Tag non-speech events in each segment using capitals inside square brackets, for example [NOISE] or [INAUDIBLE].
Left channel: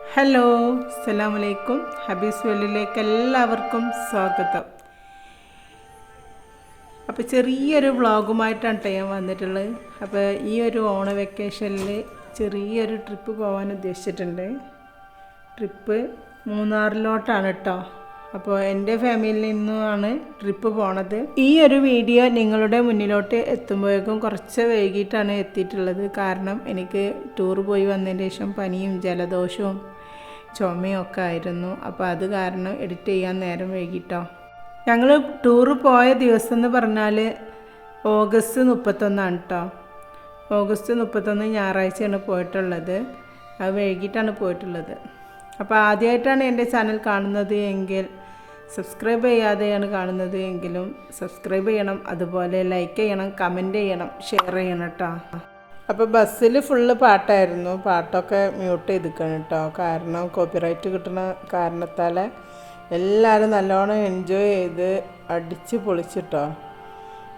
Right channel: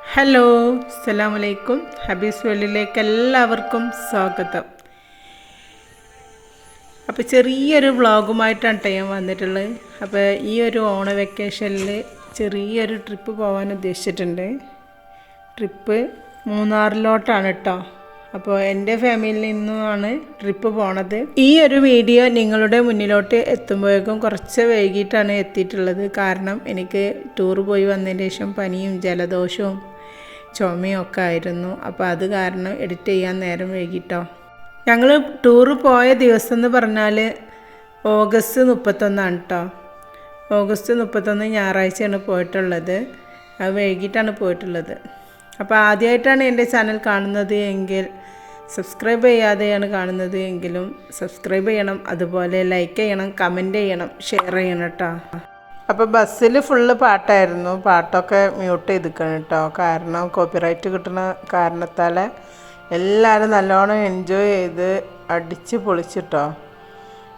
Hello സലാം അലൈക്കും ഹബീസ് വേൾഡിലേക്ക് എല്ലാവർക്കും സ്വാഗതം. അപ്പോൾ ചെറിയൊരു വ്ളോഗുമായിട്ടാണ് കേട്ടോ ഞാൻ വന്നിട്ടുള്ളത്. അപ്പോൾ ഈ ഒരു ഓണ വെക്കേഷനിൽ ചെറിയൊരു ട്രിപ്പ് പോകാൻ ഉദ്ദേശിച്ചിട്ടുണ്ട്. ട്രിപ്പ് മൂന്നാറിലോട്ടാണ് കേട്ടോ അപ്പോൾ എന്റെ ഫാമിലിയിൽ നിന്നുമാണ് ട്രിപ്പ് പോണത്. ഈ ഒരു വീഡിയോ നിങ്ങളുടെ മുന്നിലോട്ട് എത്തുമ്പോഴേക്കും കുറച്ച് വൈകിട്ടാണ് എത്തിയിട്ടുള്ളത്. കാരണം എനിക്ക് ടൂർ പോയി വന്നതിന് ശേഷം പനിയും ജലദോഷവും ചുമയും ഒക്കെ ആയിരുന്നു. അപ്പോൾ അത് കാരണം എഡിറ്റ് ചെയ്യാൻ നേരം വൈകിട്ടോ. ഞങ്ങൾ ടൂർ പോയ ദിവസം എന്ന് പറഞ്ഞാൽ ഓഗസ്റ്റ് മുപ്പത്തൊന്നാണ് കേട്ടോ ഓഗസ്റ്റ് മുപ്പത്തൊന്ന് ഞായറാഴ്ചയാണ് പോയിട്ടുള്ളത്. അത് വൈകിട്ടാണ് പോയിട്ടുള്ളത്. അപ്പോൾ ആദ്യമായിട്ടാണ് എന്റെ ചാനൽ കാണുന്നത് എങ്കിൽ സബ്സ്ക്രൈബ് ചെയ്യാതെയാണ് കാണുന്നത് എങ്കിലും സബ്സ്ക്രൈബ് ചെയ്യണം അതുപോലെ ലൈക്ക് ചെയ്യണം കമന്റ് ചെയ്യണം ഷെയർ ചെയ്യണം കേട്ടോ അപ്പോൾ ബസ്സിൽ ഫുള്ള് പാട്ടായിരുന്നു. പാട്ടൊക്കെ മ്യൂട്ട് ചെയ്തിക്കണം കേട്ടോ കാരണം കോപ്പിറൈറ്റ് കിട്ടുന്ന കാരണത്താൽ എല്ലാവരും നല്ലോണം എൻജോയ് ചെയ്ത് അടിച്ച് പൊളിച്ചിട്ടോ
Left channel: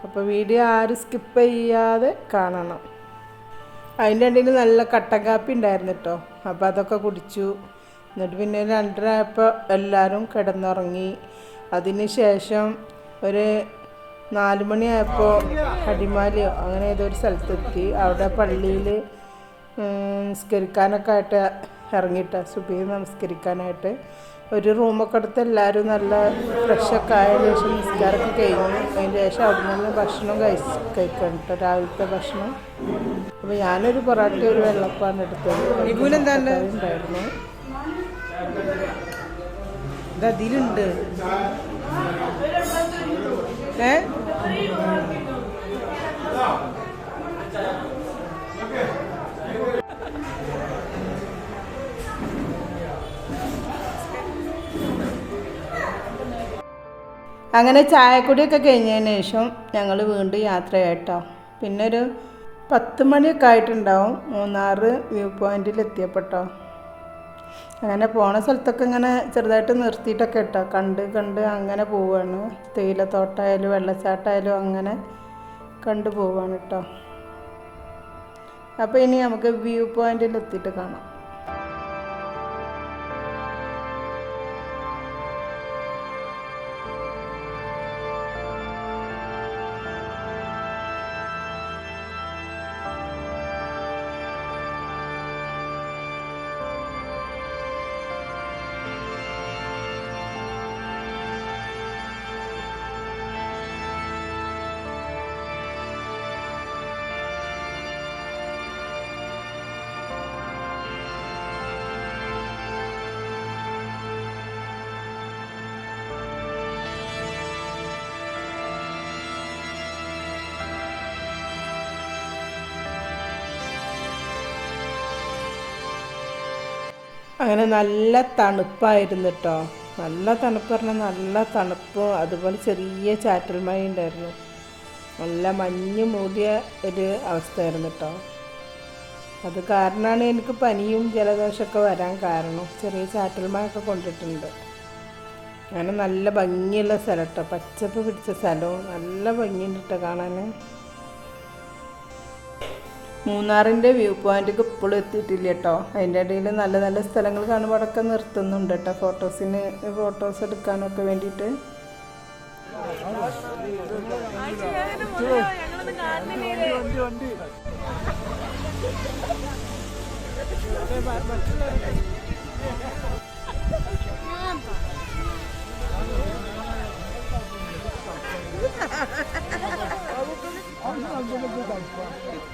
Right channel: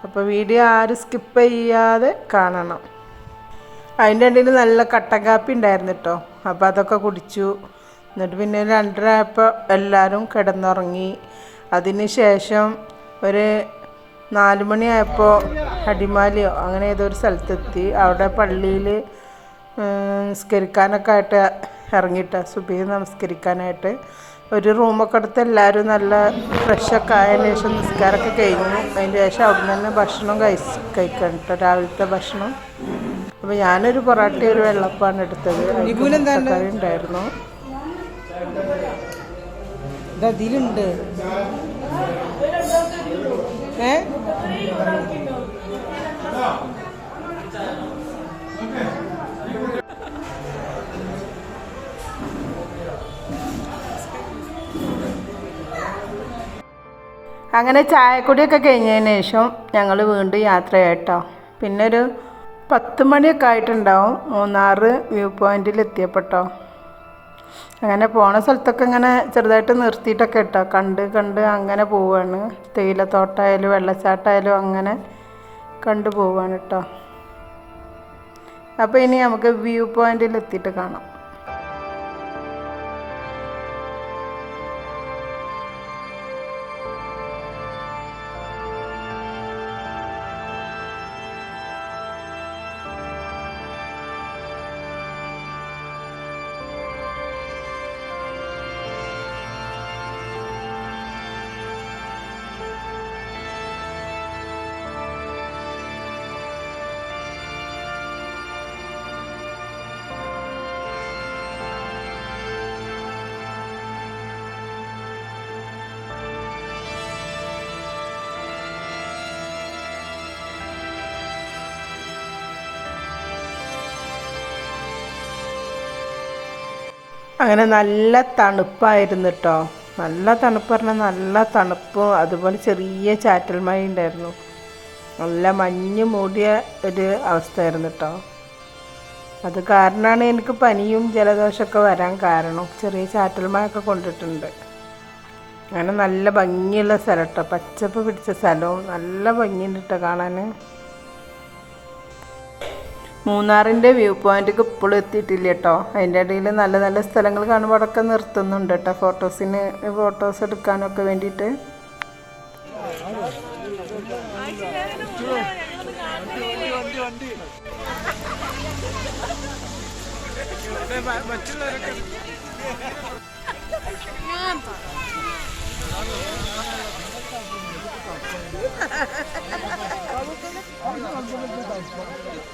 അപ്പോൾ വീഡിയോ ആരും സ്കിപ്പ് ചെയ്യാതെ കാണണം. അതിന്റെ ഇടയിൽ നല്ല കട്ടൻ കാപ്പി ഉണ്ടായിരുന്നു കേട്ടോ അപ്പോൾ അതൊക്കെ കുടിച്ചു. എന്നിട്ട് പിന്നെ രണ്ടരയപ്പോൾ എല്ലാവരും കിടന്നുറങ്ങി. അതിന് ശേഷം ഒരു നാല് മണിയായപ്പോൾ അടിമാലിയോ അങ്ങനെ ഏതോ ഒരു സ്ഥലത്തെത്തി. അവിടെ പള്ളിയിൽ നിസ്കരിക്കാനൊക്കെ ആയിട്ട് ഇറങ്ങിയിട്ട് സുബി നമസ്കരിക്കാനായിട്ട്. ഒരു റൂമൊക്കെ എടുത്ത് എല്ലാവരും നല്ല ഫ്രഷൊക്കെ ആയതിനു ശേഷം നിസ്കാരമൊക്കെ കഴിഞ്ഞു. അതിന് ശേഷം അവിടെ നിന്ന് തന്നെ ഭക്ഷണം കഴിച്ച് കഴിക്കണം കേട്ടോ രാവിലത്തെ ഭക്ഷണം. അപ്പോൾ ഞാനൊരു പൊറാട്ടയൊരു വെള്ളപ്പാണ് എടുത്തത്. ഉണ്ടായിരുന്നു. ഇതിലുണ്ട്. ഏ? അങ്ങനെ ചായക്കുടിയൊക്കെ കഴിഞ്ഞതിന് ശേഷം ഞങ്ങൾ വീണ്ടും യാത്രയായിട്ടോ. പിന്നെ ഒരു പത്ത് മണിയൊക്കെ ആയിട്ടുണ്ടാവും മൂന്നാറ് വ്യൂ പോയിന്റിൽ എത്തിയപ്പോട്ടോ അങ്ങനെ പോണ സ്ഥലത്തൊക്കെ ഇങ്ങനെ ചെറുതായിട്ട് നിർത്തിയിട്ടൊക്കെ ഇട്ടോ. കണ്ട് കണ്ട് അങ്ങനെ പോവാണ്. തേയിലത്തോട്ടായാലും വെള്ളച്ചാട്ടമായാലും അങ്ങനെ കണ്ടു പോവാണ് കേട്ടോ അപ്പോൾ ഇനി നമുക്ക് വ്യൂ പോയിന്റിൽ എത്തിയിട്ട് കാണാം. അങ്ങനെ നല്ല തണുപ്പായിരുന്നു കേട്ടോ നല്ല തണുപ്പ് പറഞ്ഞാൽ നല്ല തണുപ്പും. അതുപോലെ ചെറിയ ചാറ്റൽ മഴ ഉണ്ടായിരുന്നു. നല്ല മഞ്ഞ് മൂടിയ ഒരു അവസ്ഥയായിരുന്നു കേട്ടോ അത് കാരണമാണ് എനിക്ക് പനിയും ജലദോഷമൊക്കെ വരാൻ കാരണം. ചെറിയ ചാറ്റൽ മഴയൊക്കെ കൊണ്ടിട്ടുണ്ട്. അങ്ങനെ നല്ല ഭംഗിയുള്ള സ്ഥലം കേട്ടോ പച്ചപ്പ് പിടിച്ച സ്ഥലവും നല്ല ഭംഗിയുണ്ട് കേട്ടോ കാണാൻ മൂന്നാറിന്റെ വ്യൂ പോയിന്റ് ഇപ്പോഴും എത്തിയിട്ടില്ല കേട്ടോ അതിന്റെ ഇടയിൽ നല്ല നല്ല സ്ഥലങ്ങൾ കാണുമ്പോൾ അടക്കം നിർത്തുന്നുണ്ട് കേട്ടോ ഫോട്ടോസിന് ഫോട്ടോസ് എടുക്കാനൊക്കെ വേണ്ടിയിട്ട്. [LAUGHS]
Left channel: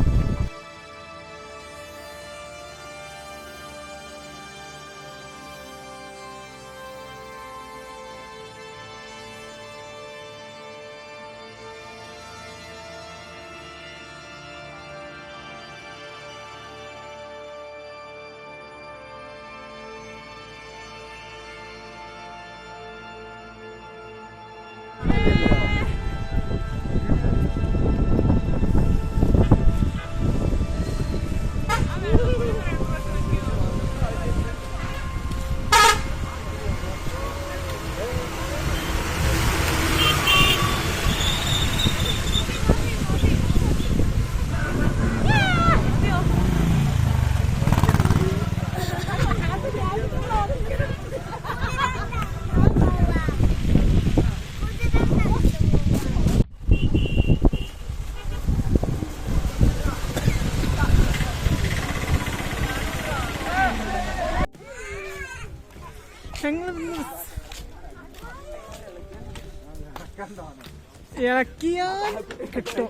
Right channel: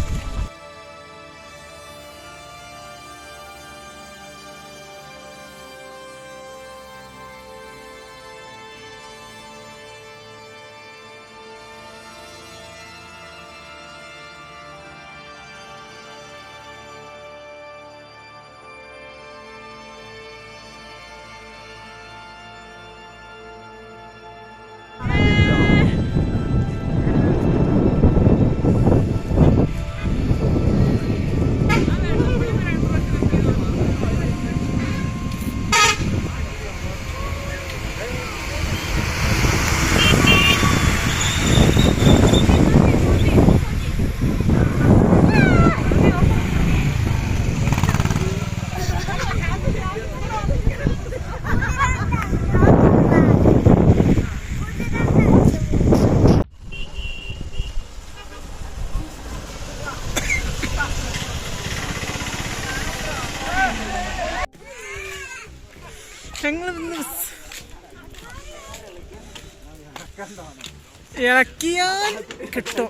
ഇളക്കിയാൽ കിട്ടും.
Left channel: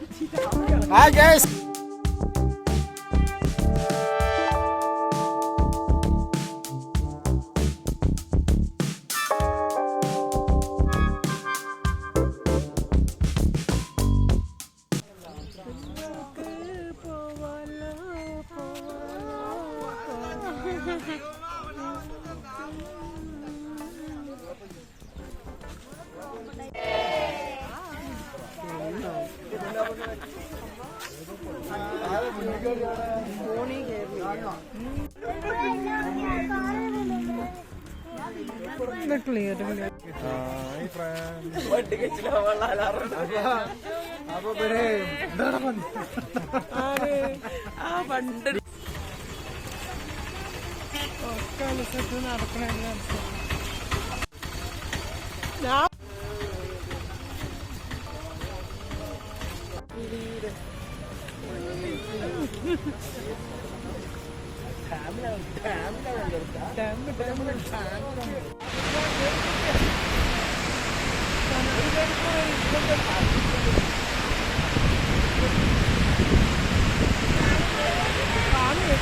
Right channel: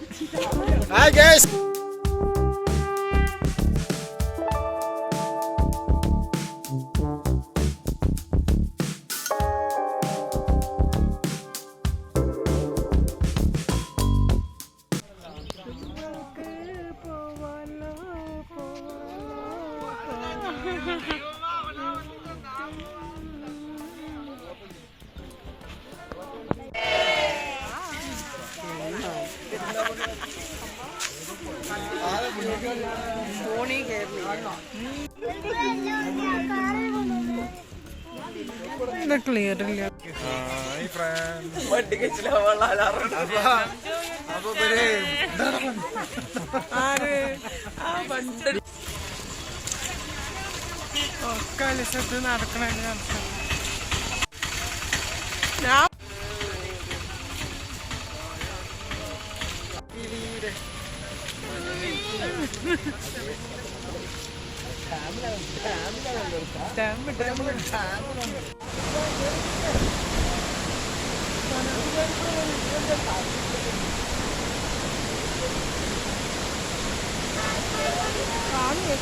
ക്ലിയർ ഇല്ല കളിച്ചത് നടക്കണ നടക്കണം ഞാൻ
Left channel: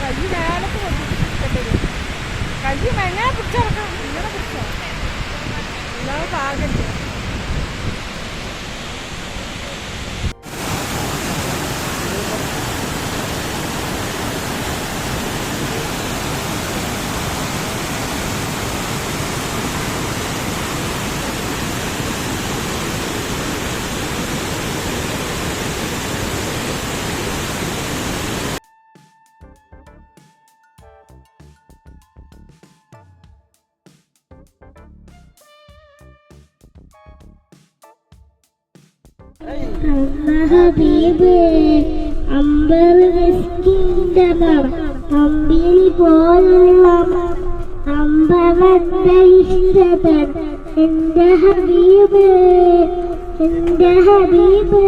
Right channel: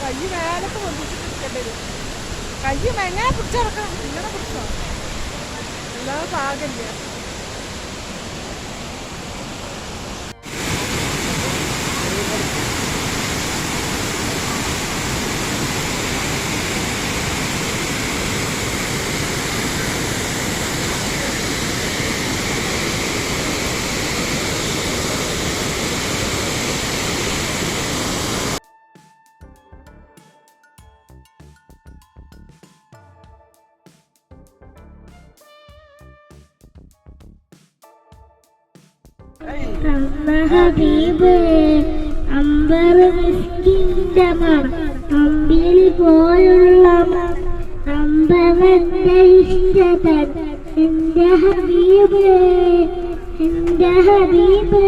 കൈ വേലത്ത് കൊണ്ടിട്ട് കൈ മെങ്ങനെ പിടിച്ചിറക്കാം ഇങ്ങനെ പിടിച്ചോ. ഇല്ലാതെ പാകില്ല? ഹബീബ് അമ്പർ മിസ്കിന്റെ മണം അമ്പിളി പോലുള്ള അമ്പവന്റെ ഇഷ്ടതൻ എന്റെ ഹബീബ് എന്റെ ഹബീബ്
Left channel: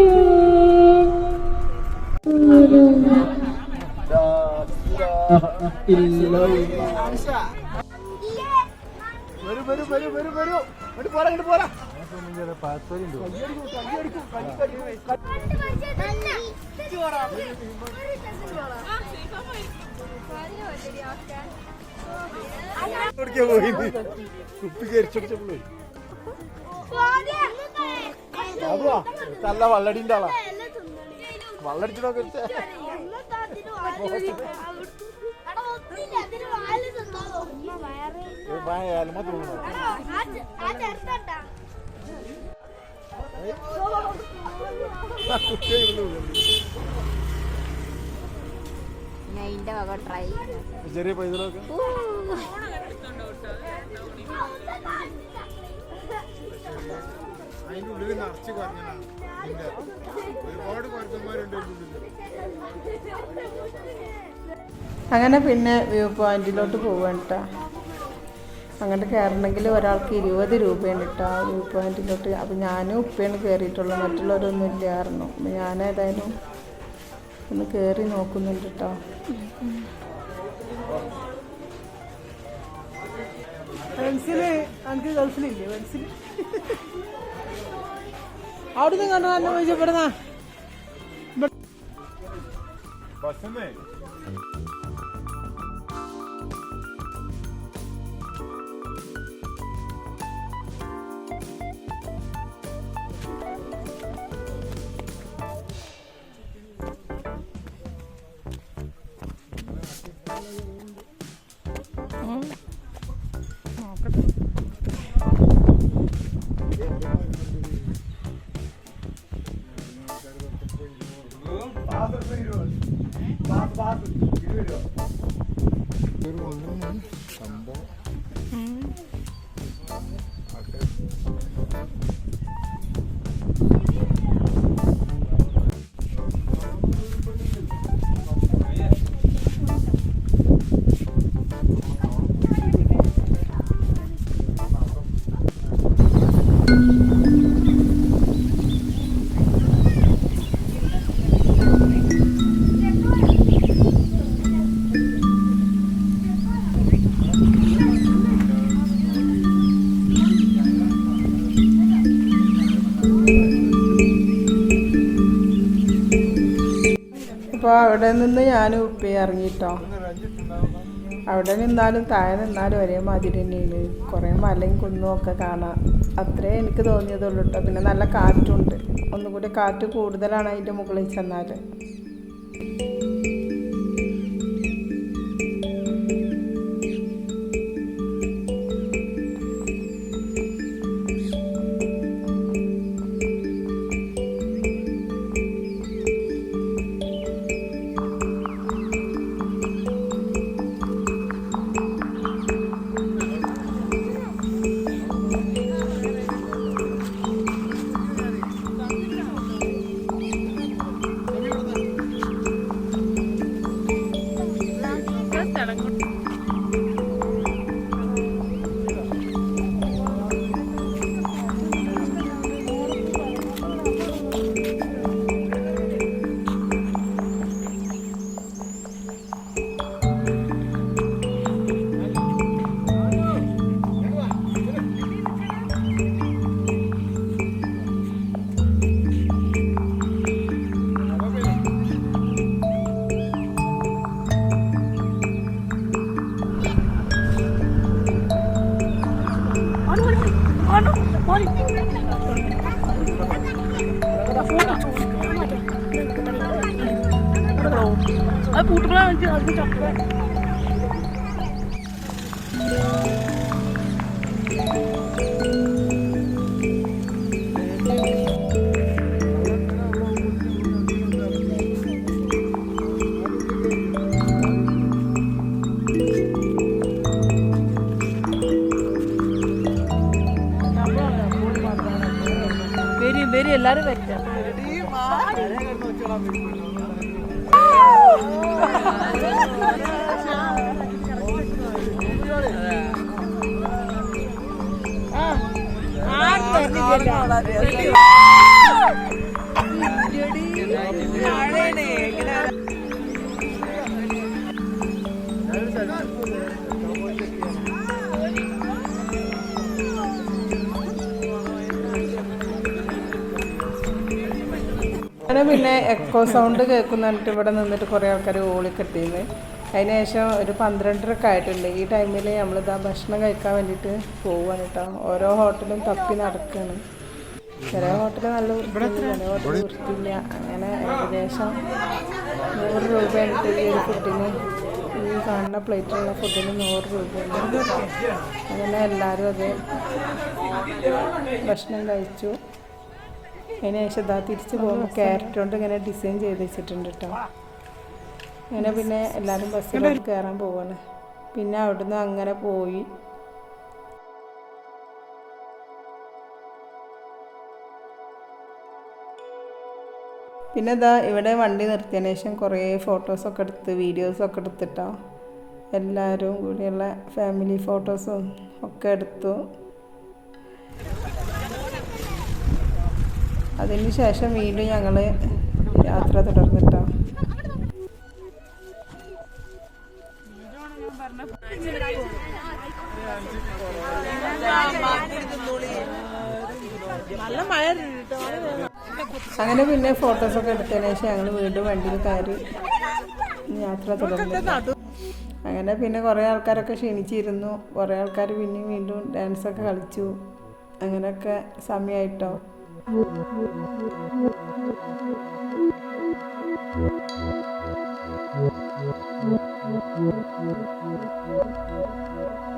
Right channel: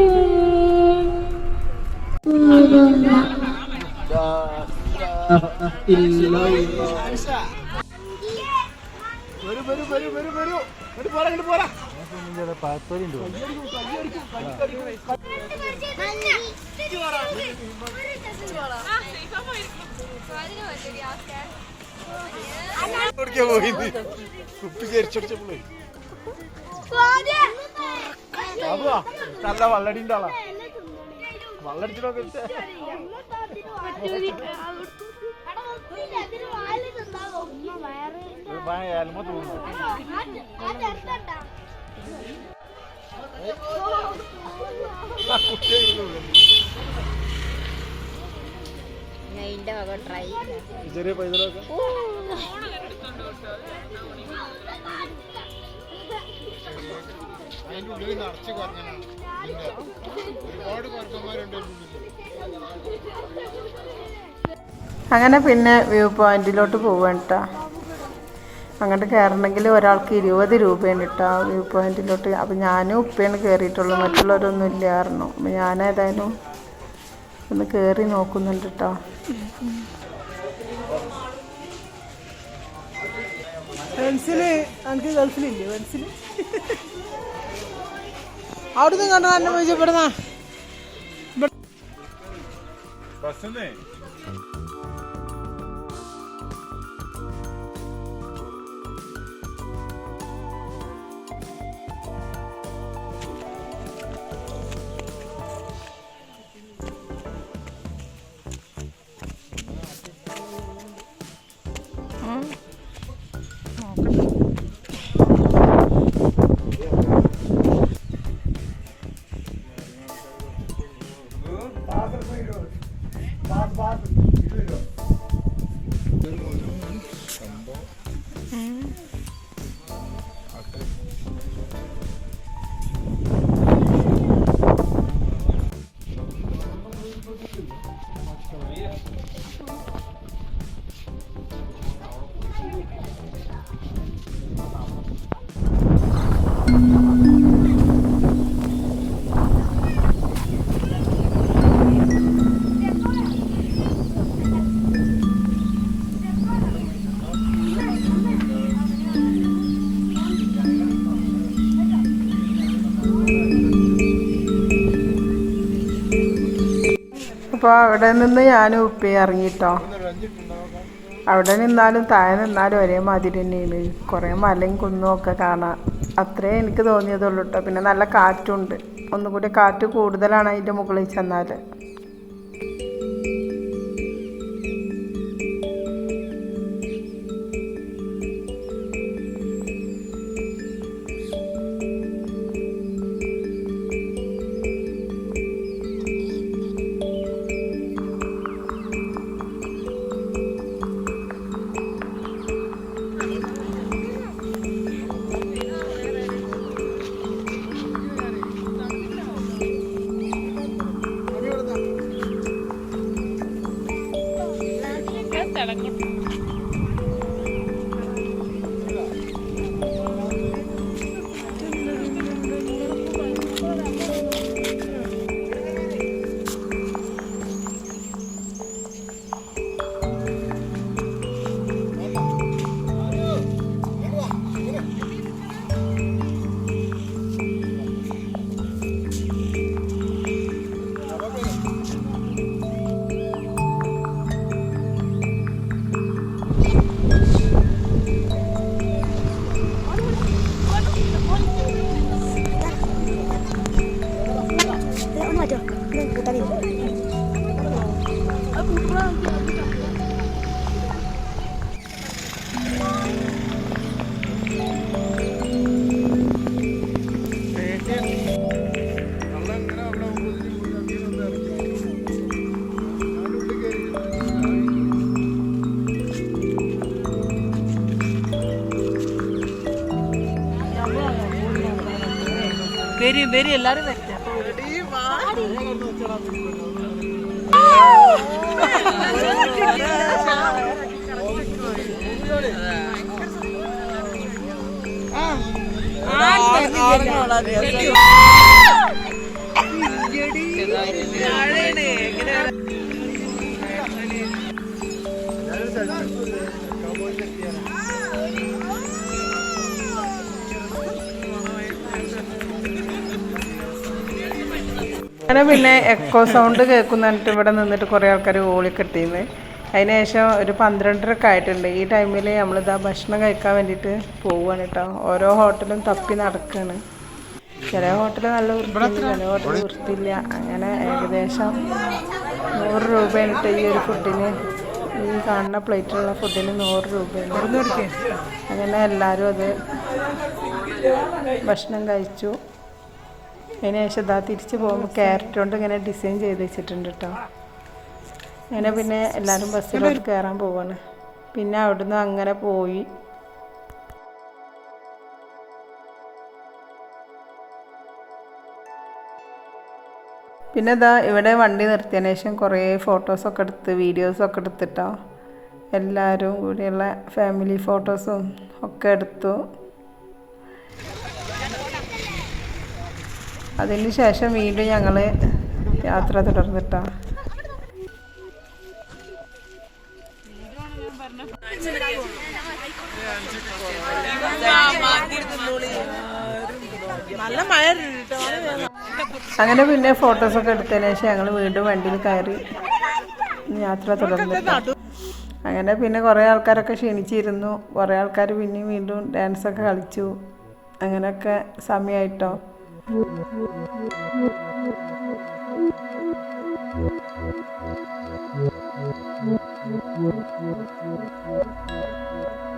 കുപ്പി കരിച്ചടിച്ചപ്പോഴേ അതുവാ നല്ല വള്ളടിന്റെ ആളാ വള്ളടിച്ചു നോക്കി ഏലമ തോന്നുന്നു വക ട്രൈ. ചെറിയ പൈതലൊക്കെ? അതിന്റെ ഉള്ളിൽ നിറച്ച് കുറഞ്ഞാണ് ഒരുപാട് അങ്ങനെ പിന്നെ വ്യൂ പോയിന്റിലോട്ട് പോവാണ് കേട്ടോ അങ്ങോട്ട് കയറണമെങ്കിൽ ഒരാൾക്ക് ഇരുപത് രൂപയാണ് കേട്ടോ ആ വ്യൂ പോയിന്റിലോട്ട്. അപ്പം ഞാനും ഉപ്പയാണ് കയറിയിട്ടുള്ളൂ മറ്റുള്ളവരൊന്നും ഇല്ലായിരുന്നു. അപ്പം ഞാനേതായാലും ഒന്ന് കയറി നോക്കുന്നുണ്ട് കേട്ടോ അവിടുന്ന് കണ്ടു തന്നെ പോയി അപ്പോൾ അവിടെ നിന്ന് ഞാൻ ഉപ്പി ഇറങ്ങിട്ടോ. അവിടെ നിന്നാലും താഴെ നിന്നാലും ഒരേ മാതിരി തന്നെയാണ്. കുറേ മലയും കുന്നും ഒക്കെ കാണാം അത്രേ എനിക്ക് തോന്നിയതുള്ളൂ കേട്ടോ പിന്നെ നല്ല കാറ്റുണ്ട്. ഒന്നുകൂടി കാറ്റ് കൂടുതലാണ് അതിന്റെ മുകളിൽ ചെന്നാൽ വരും എല്ലാരും വരട്ടെ അങ്ങനെ പിന്നെ എക്കോ സൗണ്ട് കേൾക്കുന്നിട്ട് ഇവിടെ നിന്നിട്ട് കുറേ ആൾക്കാർ ഓളിക്കെട്ടിന്ന് അതിന് ശേഷം ഒരു പന്ത്രണ്ടരക്കെ ആയിട്ടുണ്ട്. ഈ ടൈമിൽ നമ്മളിതാ ഭക്ഷണം കഴിക്കാൻ വേണ്ടിയിട്ട് പോവുകയാണ് കേട്ടോ ഓരോ ഹോട്ടലും തപ്പി നടക്കുകയാണ് ചില ഹോട്ടൽ നല്ല വൃത്തിയില്ല ചില ഹോട്ടൽ വൃത്തിയില്ല. അങ്ങനെ ഏകദേശം നൂറ് രൂപയായിട്ട് ട്ടോ ഈ ഒരു ഫുഡിന് ഈ കാണുന്ന പ്ലേറ്റിലുള്ള ഫുഡിന് നൂറ് രൂപയാണ്. അങ്ങനെ എല്ലാവരും അത് ഭക്ഷണം കഴിച്ചു. അതിന് ശേഷം ഇതാ തിരിച്ച് പോകുമ്പോൾ ക്യാരറ്റ് കൊണ്ട് ഇങ്ങനെ ഡിസൈൻ ചെയ്ത് വെച്ചിട്ടുണ്ട് കേട്ടോ അങ്ങനെ പിന്നെ എല്ലാവരും ബസ്സിലോട്ട് കയറാൻ പോവാണ്. പിന്നെ അവിടുന്ന് അങ്ങനെ പോയി. പിന്നെ ഇതാ ഇവിടെ വണ്ടി നിർത്തിയതിന് ശേഷം കുറേ ഫോട്ടോസൊക്കെ എടുത്ത് വീഡിയോസൊക്കെ എടുത്തിട്ടോ. എല്ലാവരും കൂടിയുള്ള ഫാമിലി ഫോട്ടോസും ഒക്കെ എടുത്തു. അതിന് ശേഷം വീണ്ടും ഞങ്ങൾ യാത്ര തുടർന്നിട്ടാ. നല്ല മഴ അങ്ങനെ പിന്നെ ഫോട്ടോസൊക്കെ എടുത്തതിന് ശേഷം ഞങ്ങൾ വീണ്ടും വണ്ടിയിൽ കയറി യാത്ര തുടർന്നു അങ്ങനെ പിന്നെ കുറേ ആൾക്കാരൊക്കെ ക്ഷണിച്ചിരുന്നു. കുറേ ആൾക്കാർ പിന്നെയും വീണ്ടും ഡാൻസൊക്കെ കളിച്ചു. അങ്ങനെയൊക്കെ സമയമായിട്ടോ Thank you.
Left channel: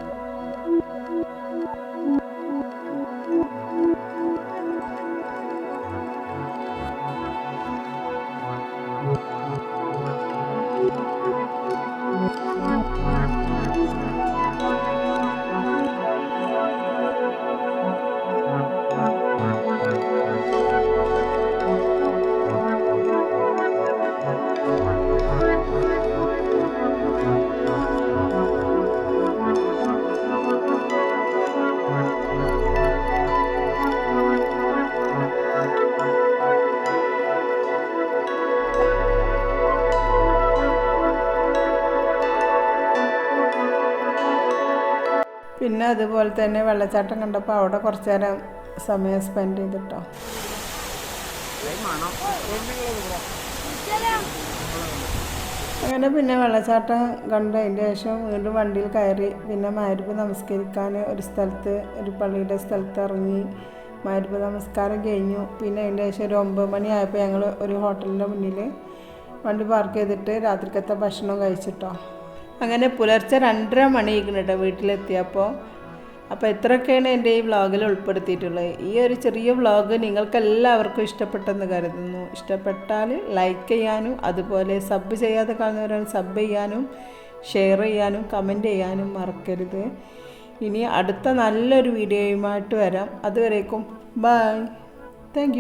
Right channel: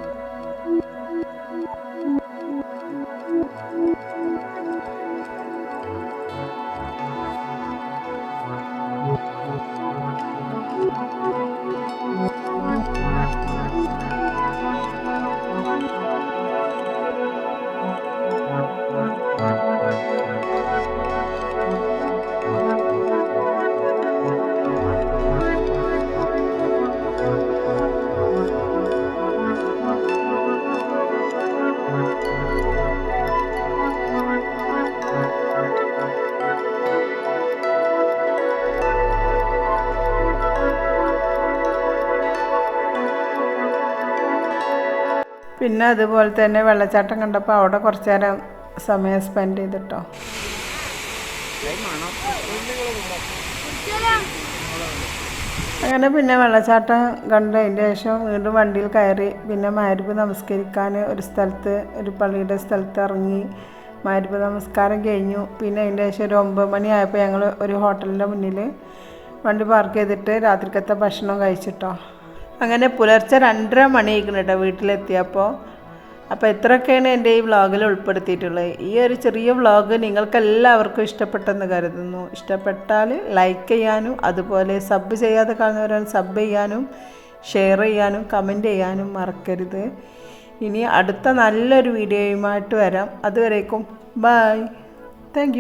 പിന്നെ അതുപോലെ തന്നെ വെള്ളച്ചാട്ടം കണ്ടപ്പോൾ അവിടെ കുറച്ച് നേരം സമയം സ്പെൻഡ് ചെയ്തിട്ടോ. അങ്ങനെ പിന്നെ വെള്ളച്ചാട്ടം കണ്ട് അതിന്റെ ശേഷം വീണ്ടും വണ്ടിയിൽ കയറി പിന്നെ മാരിപ്പ് നമസ്കരിക്കാൻ ഒരു സ്ഥലത്ത് ഒരു പള്ളിയുടെ സ്ഥലത്ത് ഇറങ്ങി. മാരിപ്പ് നമസ്കാരം കഴിഞ്ഞു. പിന്നെ അതിന്റെ ശേഷം ഒരു ഒമ്പത് മണിയായപ്പോൾ ഞങ്ങൾ ഒരു ഹോട്ടലിന്റെ മുന്നിൽ വണ്ടി പാർക്ക് ചെയ്തിട്ട് രാത്രിക്കത്തെ ഭക്ഷണം കഴിച്ചിട്ടോ. അങ്ങനെ പുലർച്ചെ രണ്ടര മണിയായിരിക്കണം കേട്ടോ വീട്ടിലെത്തിയപ്പോൾ അപ്പോൾ ഇത്രയൊക്കെയാണ് എന്റെ ഈ വ്ളോഗിൽ ഉൾപ്പെടുത്തിയിട്ടുള്ളത്. ഈ ഒരു ചെറിയ വ്ളോഗ് നിങ്ങൾക്ക് എല്ലാവർക്കും ഇഷ്ടപ്പെട്ടെന്ന് കരുതുന്നു. ഇഷ്ടപ്പെട്ടാൽ ലൈക്ക് ചെയ്യാനും അതുപോലെ സബ് ചെയ്യാതെ കാണുന്നവരാണ് സബ് ചെയ്യാനും ഷെയർ ചെയ്യാനും കമന്റ് ചെയ്യാനും മറക്കരുത്. ഇനി അടുത്ത നല്ലൊരു വീഡിയോയുമായിട്ട് വരാം. അതുവരേക്കും ബായ് താങ്ക്